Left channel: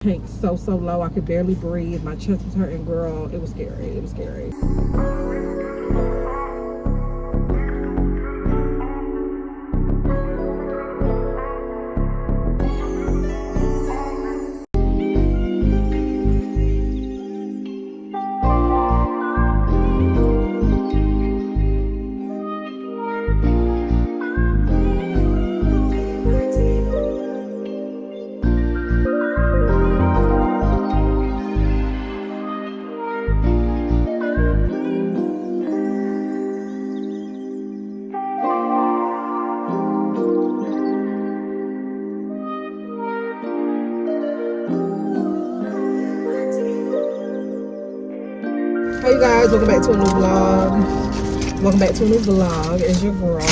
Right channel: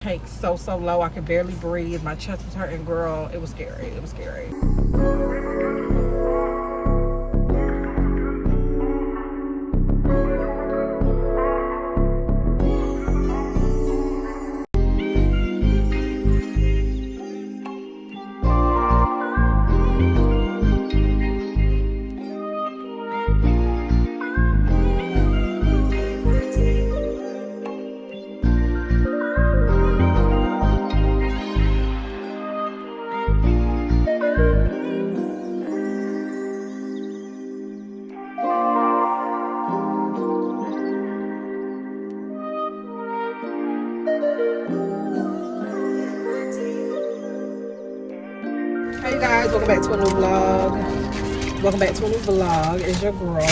Tank so low I could barely breathe. My chest was hurting, girl. It was scary. It was scary. Hey guys, welcome back to a new vlog. Welcome back to a new vlog. It's your girl.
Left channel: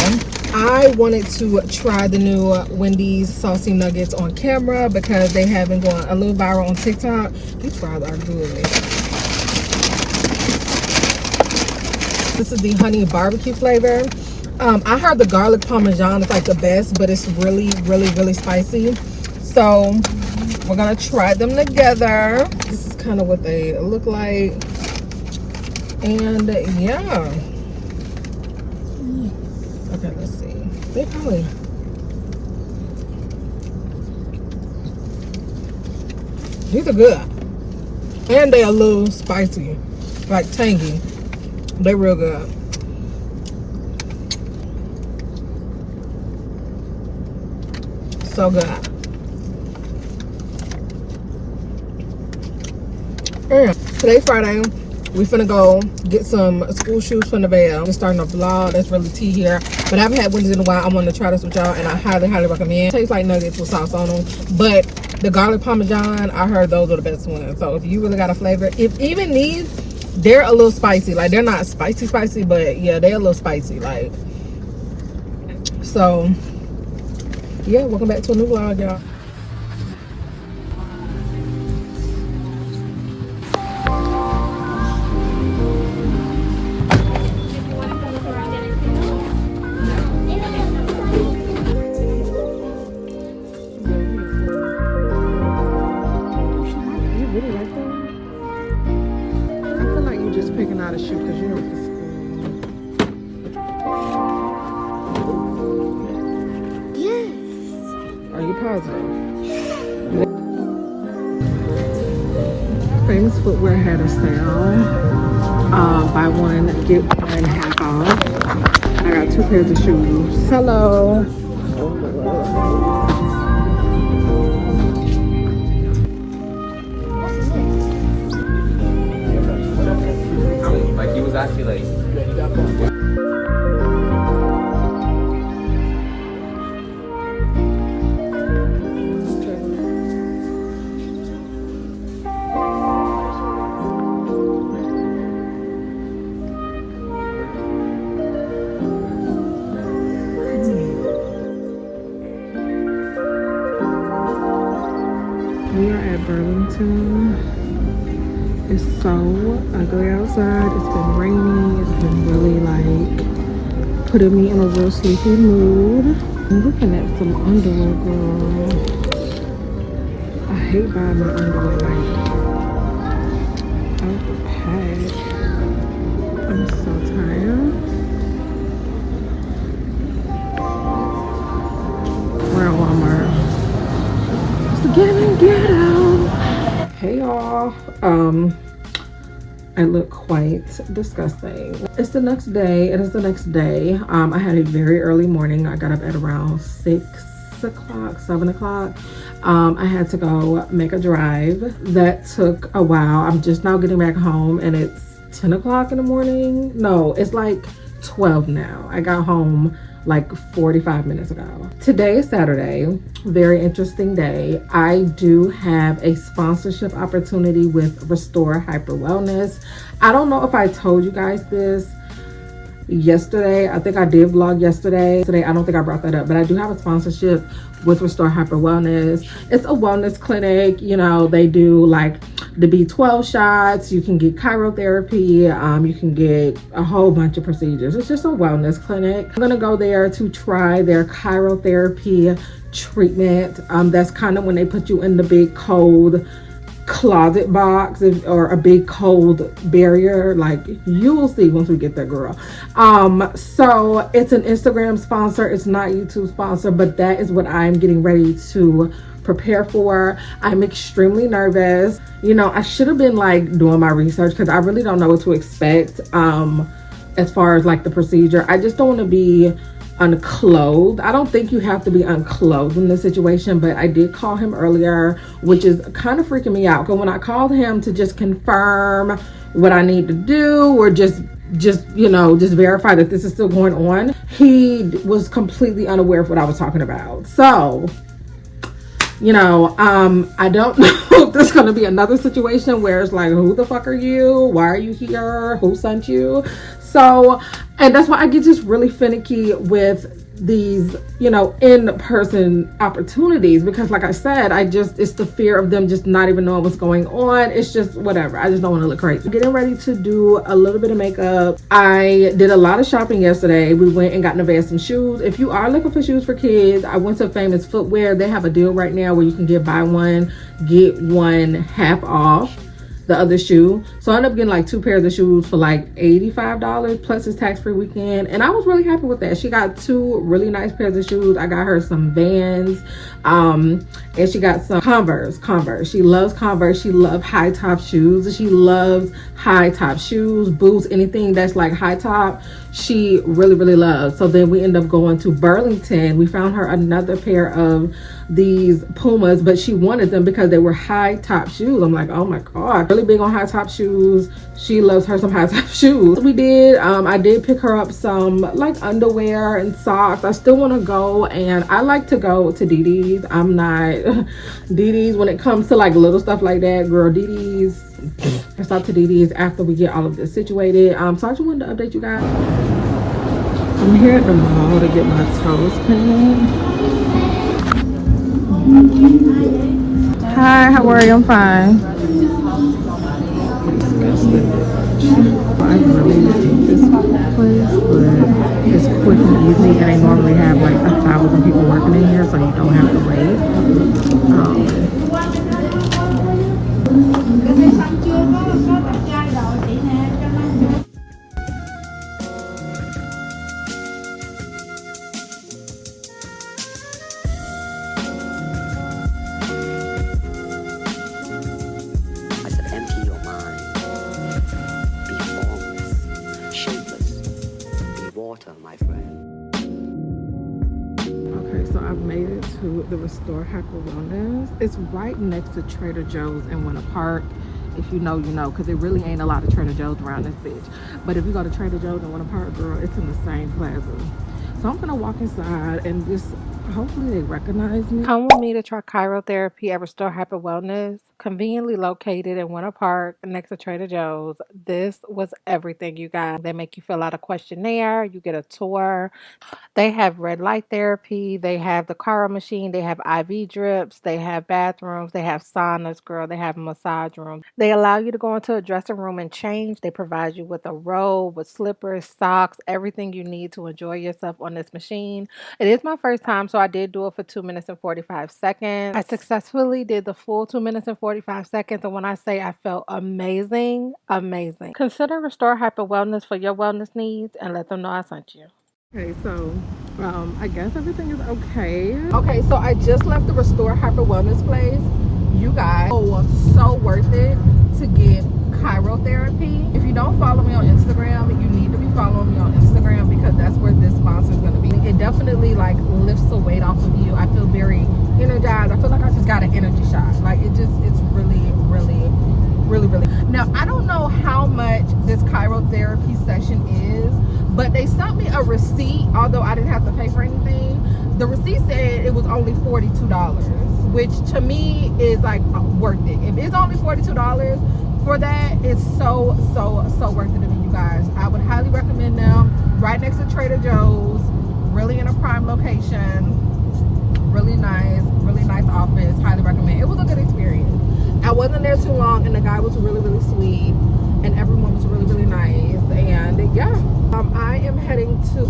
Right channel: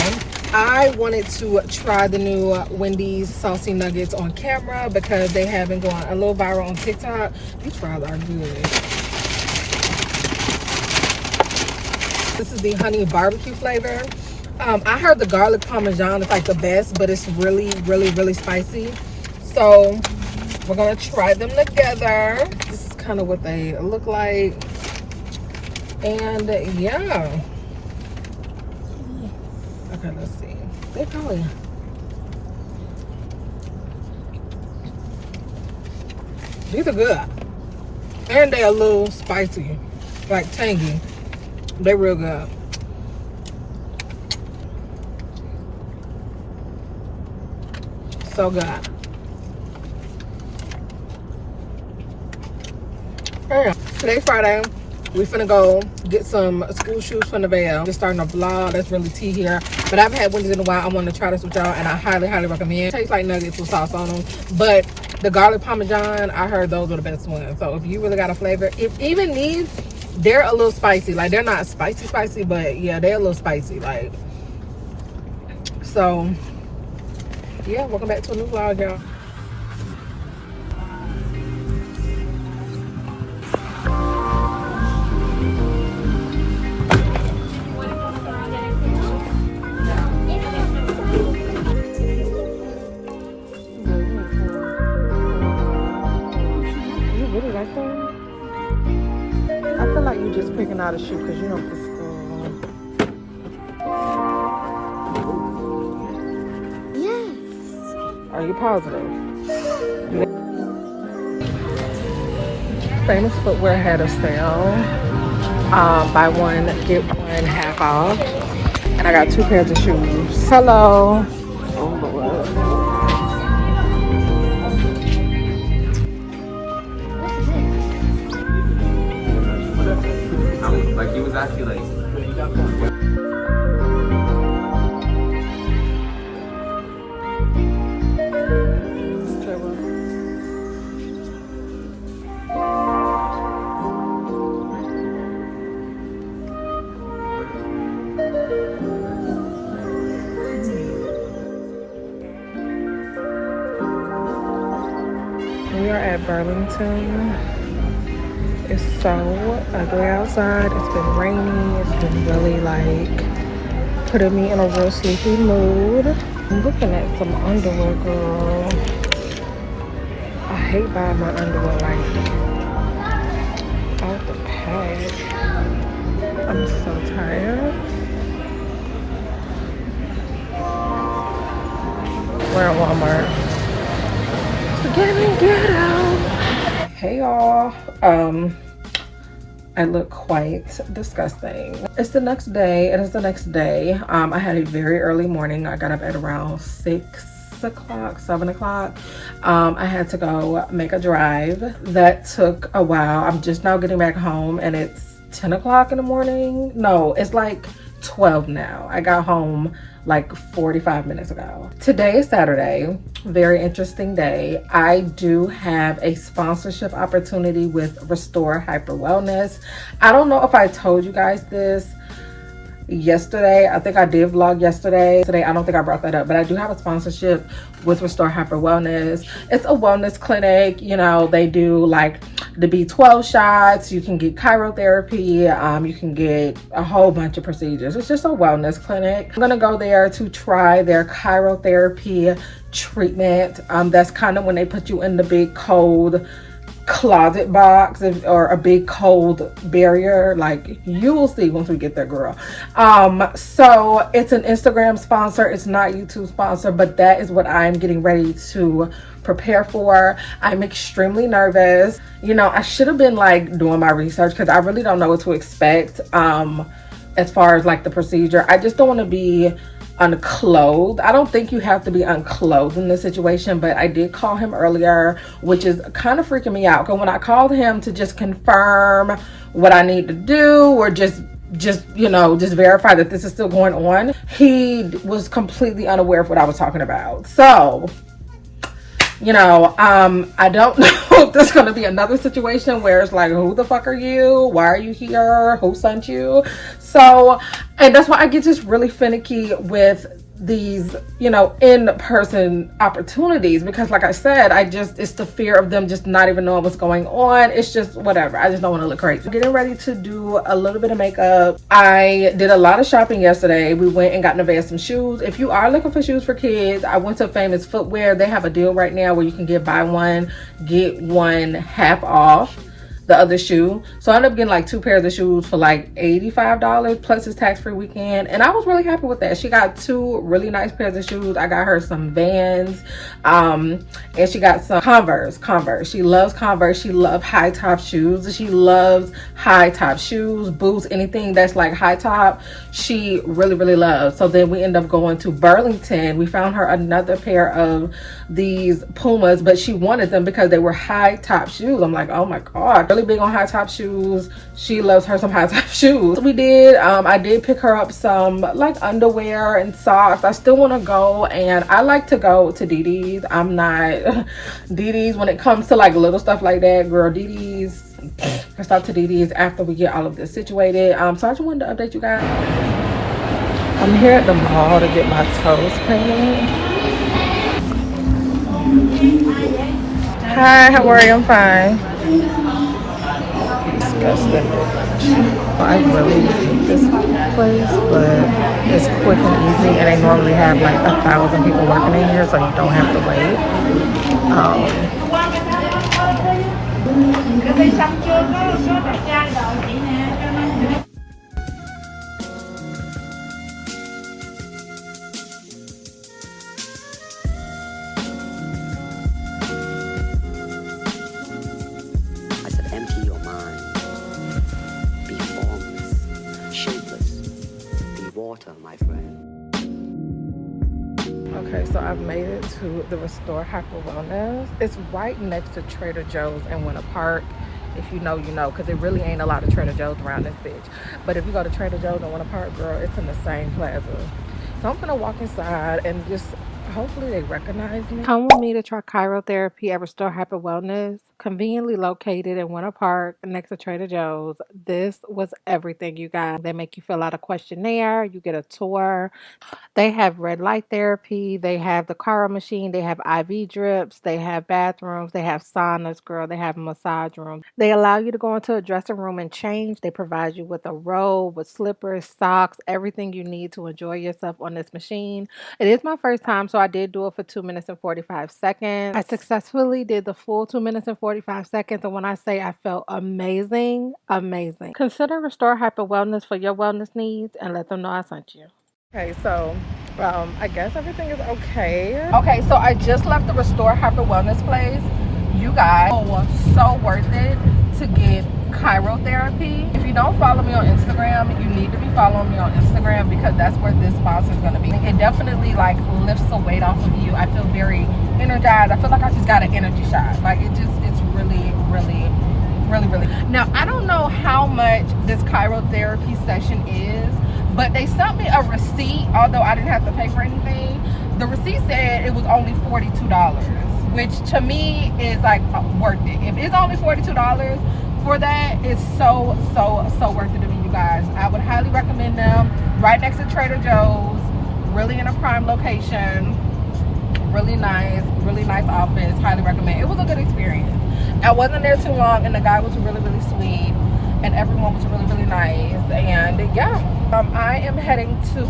I wanted to try the new Wendy's saucy nuggets on camera because they have been going a little viral on TikTok. These fries are good. This is the honey barbecue flavor. I heard the garlic parmesan is like the best, but it's really spicy. So we're gonna try them together. This is kind of what they look like. And yeah, okay, let's see. They probably, these are good, and they a little spicy, like tangy. They real good. So good. Yeah, today's Friday. We finna go get some school shoes from the Veil. Just starting a vlog. That's really tea here. But I haven't had Wendy's in a while. I wanted to try this with y'all, and I highly recommend. It tastes like nuggets with sauce on them. But the garlic parmesan, I heard those are the best ones. So if you really got a flavor, if even these, they're a little spicy. Like, they're not spicy, but yeah, they're a little spicy. Like, so yeah, welcome back to a new vlog, y'all. Picking out a shoe because you don't just yes. Are you positive? Famous Footwear had a sale. Buy one, get one half off. And I got 2 pairs of shoes. Hello. Actually, like, yeah, you got one. We are at Burlington. It's so ugly outside. It's been rainy. It's been really like putting me in a real sleepy mood. I'm looking at some underwear, girl. I hate buying my underwear like out the pack. I'm so tired. We're at Walmart. So get out. Hey y'all. I look quite disgusting. It's the next day. It is the next day. I had a very early morning. I got up at around 6 o'clock, 7 o'clock. I had to go make a drive. That took a while. I'm just now getting back home and it's 10 o'clock in the morning. No, it's like 12 now. I got home like 45 minutes ago. Today is Saturday. Very interesting day. I do have a sponsorship opportunity with Restore Hyper Wellness. I don't know if I told you guys this yesterday. I think I did vlog yesterday. Today, I don't think I brought that up, but I do have a sponsorship with Restore Hyper Wellness. It's a wellness clinic. You know, they do like the B12 shots, you can get cryotherapy, you can get a whole bunch of procedures. It's just a wellness clinic. I'm gonna go there to try their cryotherapy treatment. That's kind of when they put you in the big cold closet box, or a big cold barrier. Like, you will see once we get there, girl. So it's an Instagram sponsor, it's not YouTube sponsor, but that is what I'm getting ready to prepare for. I'm extremely nervous. You know, I should have been like doing my research, because I really don't know what to expect as far as like the procedure. I just don't want to be unclothed. I don't think you have to be unclothed in this situation, but I did call him earlier, which is kind of freaking me out, because when I called him to just confirm what I need to do, or just you know, just verify that this is still going on, he was completely unaware of what I was talking about. So, you know, I don't know if there's going to be another situation where it's like, who the fuck are you? Why are you here? Who sent you? So, and that's why I get just really finicky with these, you know, in-person opportunities, because like I said, it's the fear of them just not even knowing what's going on. It's just whatever. I just don't want to look crazy. Getting ready to do a little bit of makeup. I did a lot of shopping yesterday. We went and got Neriah some shoes. If you are looking for shoes for kids, I went to Famous Footwear. They have a deal right now where you can buy one, get one half off the other shoe. So I ended up getting like 2 pairs of shoes for like $85 plus his tax-free weekend, and I was really happy with that. She got 2 really nice pairs of shoes. I got her some Vans, and she got some Converse. She loves Converse. She loves high top shoes. She loves high top shoes, boots, anything that's like high top, she really loves. So then we end up going to Burlington. We found her another pair of these Pumas, but she wanted them because they were high top shoes. I'm like, oh my god, really big on high top shoes. She loves her some high top shoes. We did, I did pick her up some like underwear and socks. I still want to go, and I like to go to DD's. I'm not DD's when it comes to like little stuff like that, girl. DD's, I stop to DD's after we get all of this situated. So I just wanted to update you guys. I'm here at the mall to get my toes painted. Hi, how are you? I'm fine. Disgusting. I really hate this place, but it's quick and easy, and they normally have like 1,000 people working in here, so you don't have to wait. My friend. Okay, so I've made it to the Restore Hyper Wellness. It's right next to Trader Joe's in Winter Park. If you know, you know, because there really ain't a lot of Trader Joe's around this bitch. But if you go to Trader Joe's in Winter Park, girl, it's in the same plaza. So I'm gonna walk inside and just hopefully they recognize me. Come with me to try cryotherapy at Restore Hyper Wellness, conveniently located in Winter Park next to Trader Joe's. This was everything, you guys. They make you fill out a questionnaire, you get a tour. They have red light therapy, they have the cryo machine, they have IV drips, they have bathrooms, they have saunas, girl, they have a massage room. They allow you to go into a dressing room and change. They provide you with a robe, with slippers, socks, everything you need to enjoy yourself on this machine. It is my first time, so I did do it for 2 minutes and 45 seconds. I successfully did the full 2 minutes and 45 seconds, and when I say I felt amazing, amazing. Consider Restore Hyper Wellness for your wellness needs and let them know I sent you. Okay, so I guess everything is okay. Okay, so I just left the Restore Hyper Wellness place. You guys, so worth it to get cryotherapy. If you don't follow me on Instagram, you need to be following me on Instagram, because that's where this sponsor is going to be. It definitely like lifts the weight off of you. I feel very energized. I feel like I just got an energy shot. Like it's really now, I don't know how much this cryotherapy session is, but they sent me a receipt, although I didn't have to pay for anything. The receipt said it was only $42, which to me is like worth it. If it's only $42 for that, it's so worth it to me, you guys. I would highly recommend them. Right next to Trader Joe's, really in a prime location, really nice office. Highly recommend. It was a good experience. I wasn't there too long, and the guy was really sweet, and everyone was really nice. And yeah, I am heading to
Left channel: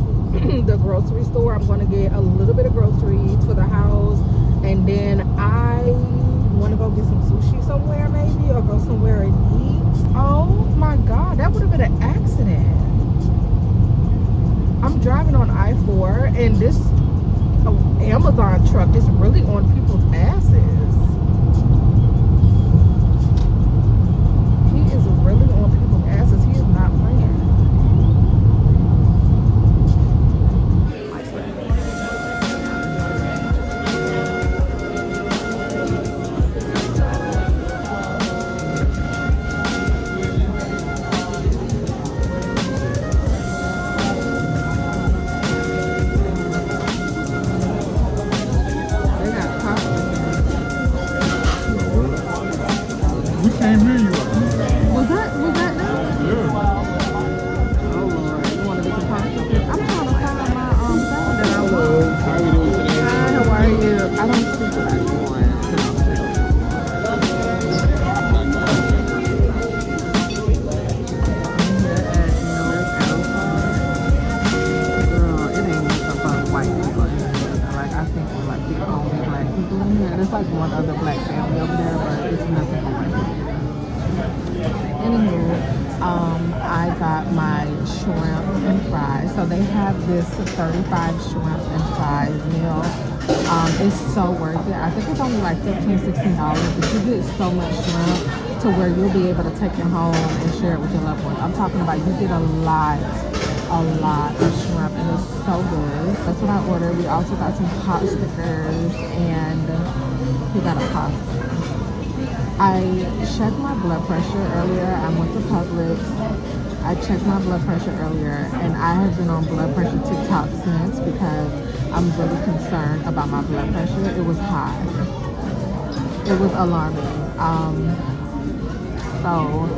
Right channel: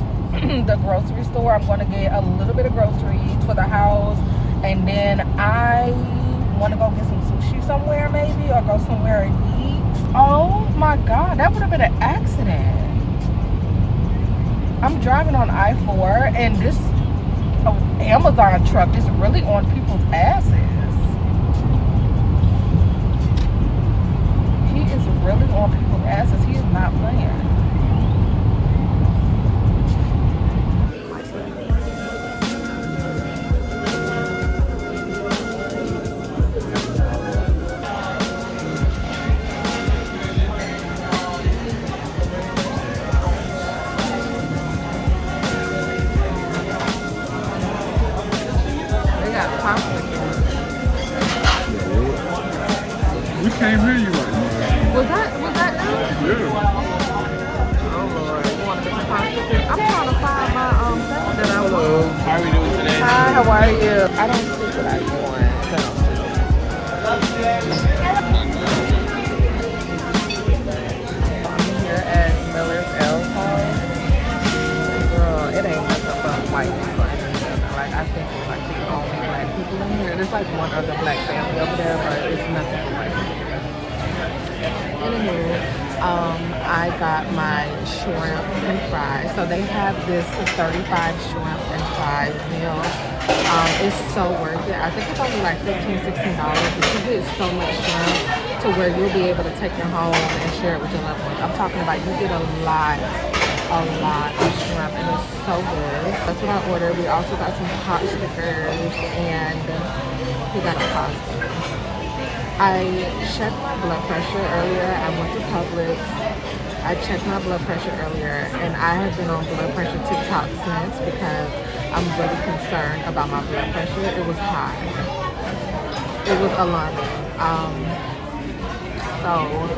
the grocery store. I'm going to get a little bit of groceries for the house, and then I want to go get some sushi somewhere, maybe, or go somewhere and eat. Oh my god, that would have been an accident. I'm driving on I-4, and this Amazon truck is really on people's asses. He is really on people's asses. He is not playing. My friend. They got pasta here. We can't hear you. Was that done? Yeah. Oh Lord, you want to get some pasta? I'm trying to find my thing that I want. How we doing today? Hi, how are you? I don't speak what I want. I'm here at Miller's L's house. Girl, it ain't nothing but white people in this building. Like, I think we're like the only black people in here. There's like one other black family over there, but it's nothing but white people here. Anywho, I got my shrimp and fries. So they have this 35 shrimp and fries meal. It's so worth it. I think it's only like $15, $16, but you get so much shrimp to where you'll be able to take it home and share it with your loved ones. I'm talking about you get a lot of shrimp, and it's so good. That's what I ordered. We also got some pot stickers, and we got a pasta. I checked my blood pressure earlier. I went to Publix. I checked my blood pressure earlier, and I have been on blood pressure TikTok since because I'm really concerned about my blood pressure. It was high. It was alarming. So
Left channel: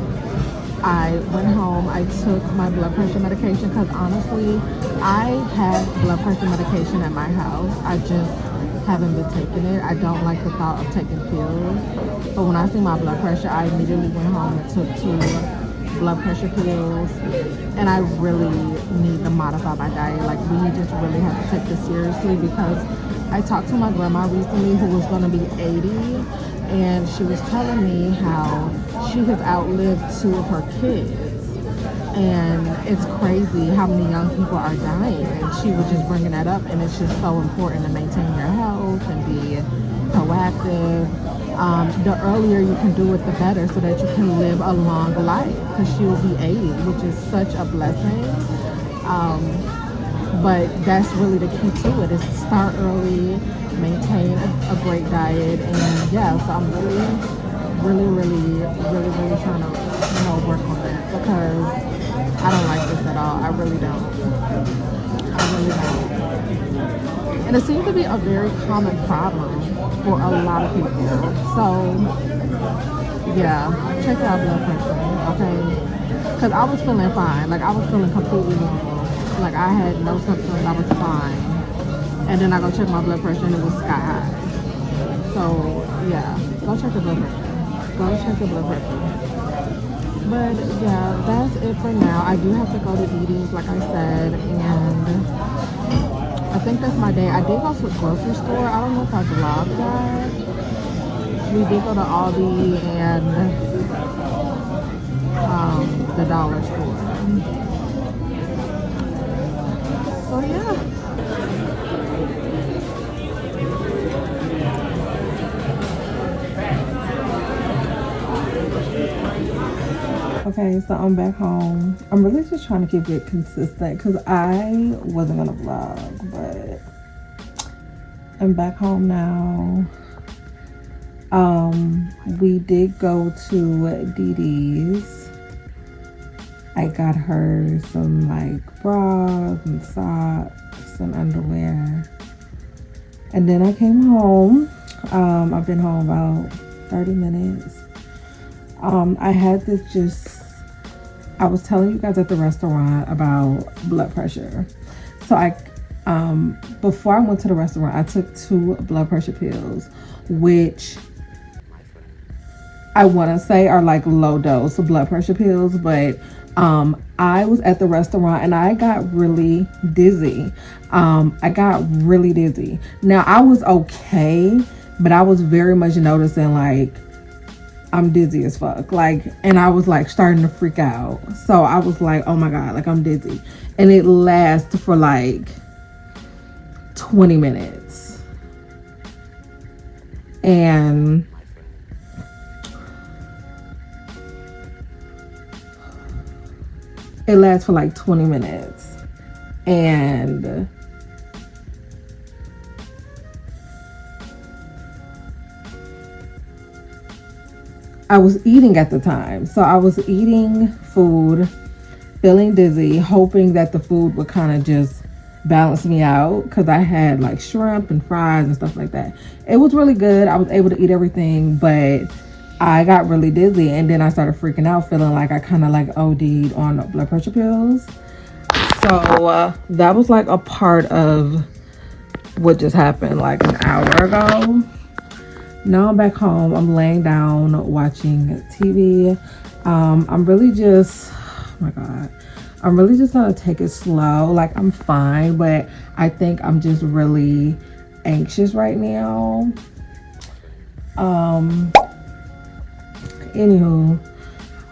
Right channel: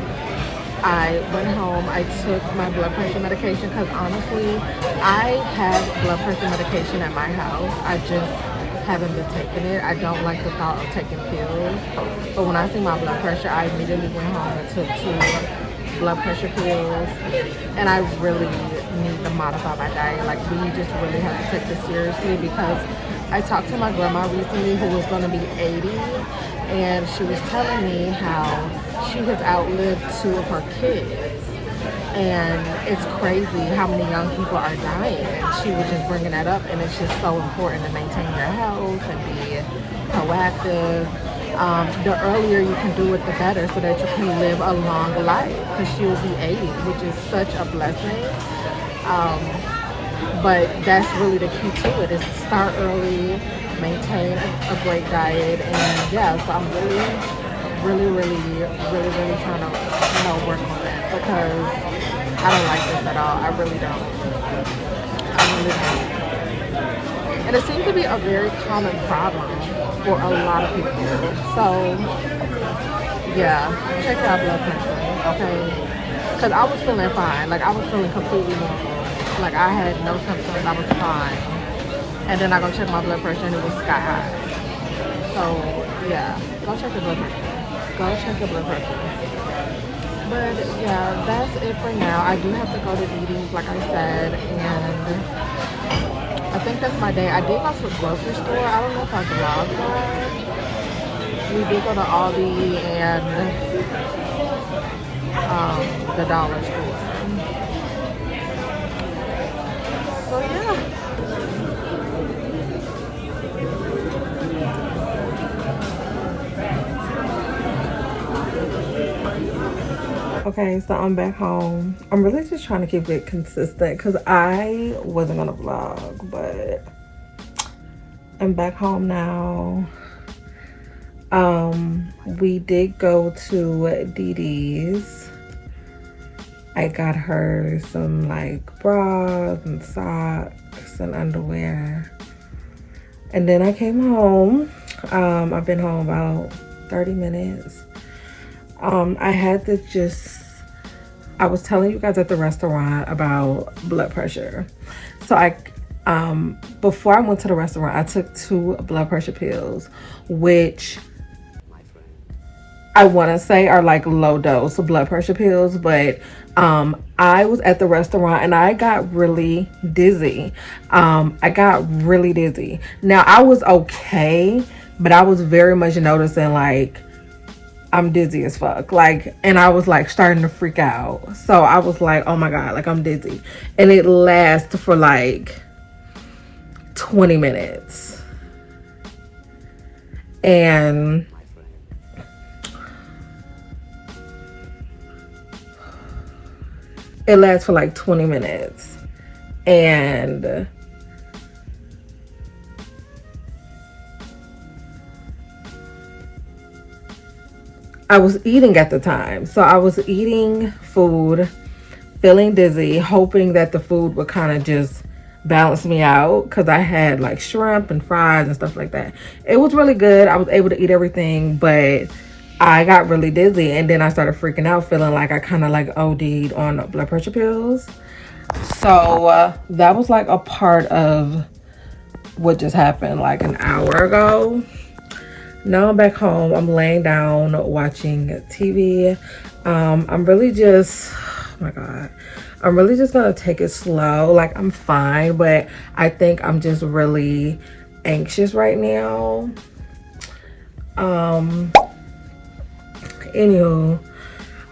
I went home. I took my blood pressure medication because honestly, I have blood pressure medication at my house. I just haven't been taking it. I don't like the thought of taking pills. But when I see my blood pressure, I immediately went home and took 2 blood pressure pills. And I really need to modify my diet. Like, we just really have to take this seriously because I talked to my grandma recently who was going to be 80. And she was telling me how she has outlived 2 of her kids. And it's crazy how many young people are dying, and she was just bringing that up, and it's just so important to maintain your health and be proactive. The earlier you can do it, the better, so that you can live a long life, because she will be 80, which is such a blessing. But that's really the key to it, is to start early, maintain a great diet, and yeah, so I'm really trying to, work on that, because I don't like this at all. I really don't. And it seems to be a very common problem for a lot of people. So, yeah, check out blood pressure, okay? Because I was feeling fine. Like, I was feeling completely normal. Like, I had no symptoms. I was fine. And then I go check my blood pressure, and it was sky high. So, yeah, go check your blood pressure. Go check your blood pressure. But yeah, that's it for now. I do have to go to DD's, like I said, and I think that's my day. I did go to the grocery store. I don't know if I vlogged that. We did go to Aldi and the dollar store. So yeah. Okay, so I'm back home. I'm really just trying to keep it consistent because I wasn't gonna vlog, but I'm back home now. We did go to DD's. I got her some like bras and socks and underwear. And then I came home. I've been home about 30 minutes. I had to I was telling you guys at the restaurant about blood pressure. So I before I went to the restaurant, I took 2 blood pressure pills, which I want to say are like low dose blood pressure pills, but I was at the restaurant and I got really dizzy. I got really dizzy. Now I was okay, but I was very much noticing like I'm dizzy as fuck, like, and I was like starting to freak out. So I was like, oh my god, like I'm dizzy, and it lasts for like 20 minutes, and it lasts for like 20 minutes, and I was eating at the time. So I was eating food, feeling dizzy, hoping that the food would kind of just balance me out, because I had like shrimp and fries and stuff like that. It was really good. I was able to eat everything, but I got really dizzy, and then I started freaking out, feeling like I kind of like OD'd on blood pressure pills. So that was like a part of what just happened like an hour ago. Now I'm back home. I'm laying down watching TV. I'm really just, oh my god, I'm really just gonna take it slow. Like I'm fine, but I think I'm just really anxious right now. Anywho,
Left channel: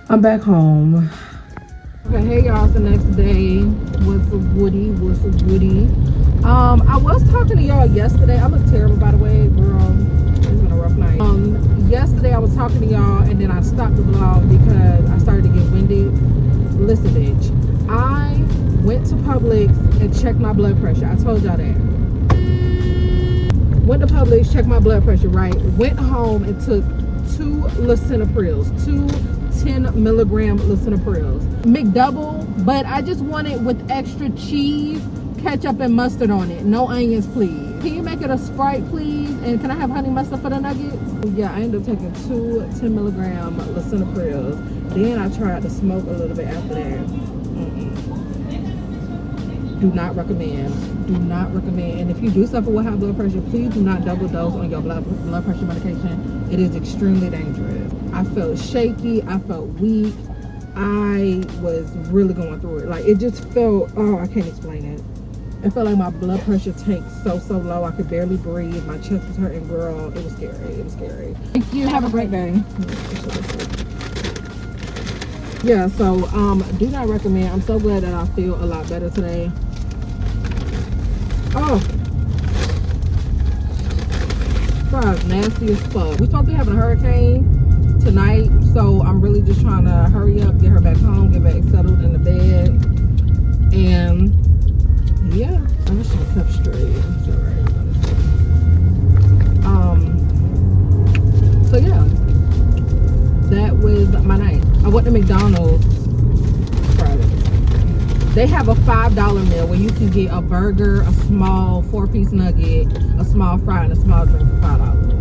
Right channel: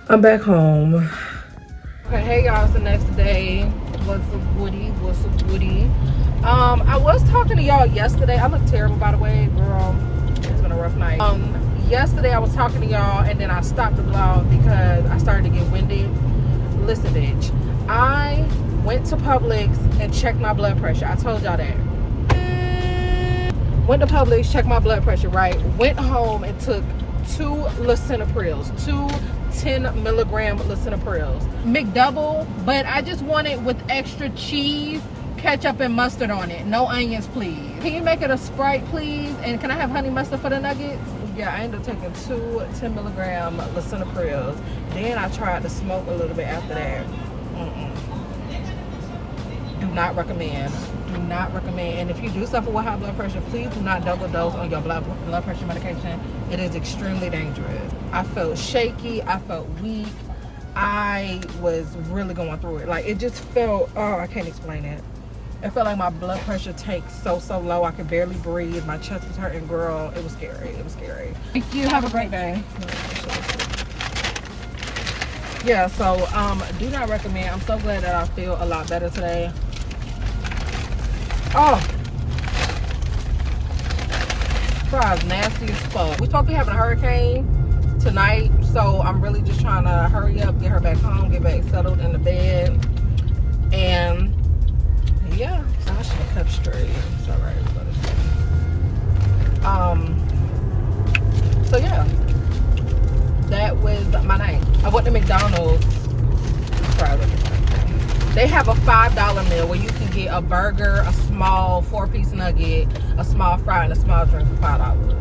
I'm back home. Okay, hey y'all, it's the next day. What's the woody? What's the woody? I was talking to y'all yesterday. I look terrible, by the way, girl. It's been a rough night. Yesterday I was talking to y'all, and then I stopped the vlog because I started to get winded. Listen, bitch, I went to Publix and checked my blood pressure. I told y'all that. Went to Publix, checked my blood pressure, right? Went home and took 2 lisinoprils, 2 10-milligram lisinoprils, McDouble, but I just want it with extra cheese, ketchup, and mustard on it. No onions, please. Can you make it a Sprite, please? And can I have honey mustard for the nuggets? Yeah, I ended up taking 2 10-milligram lisinoprils. Then I tried to smoke a little bit after that. Do not recommend. Do not recommend. And if you do suffer with high blood pressure, please do not double dose on your blood pressure medication. It is extremely dangerous. I felt shaky. I felt weak. I was really going through it. Like, it just felt, oh, I can't explain it. It felt like my blood pressure tanked so low. I could barely breathe. My chest was hurting, girl. It was scary. It was scary. Thank you. Have a great day. Yeah, so do not recommend. I'm so glad that I feel a lot better today. Oh, fries nasty as fuck. We're supposed to be having a hurricane tonight, so I'm really just trying to hurry up, get her back home, get back settled in the bed, and yeah, I should have kept straight. It's all right. So yeah, that was my night. I went to McDonald's. They have a $5 meal where you can get a burger, a small 4-piece nugget, a small fry, and a small drink for $5.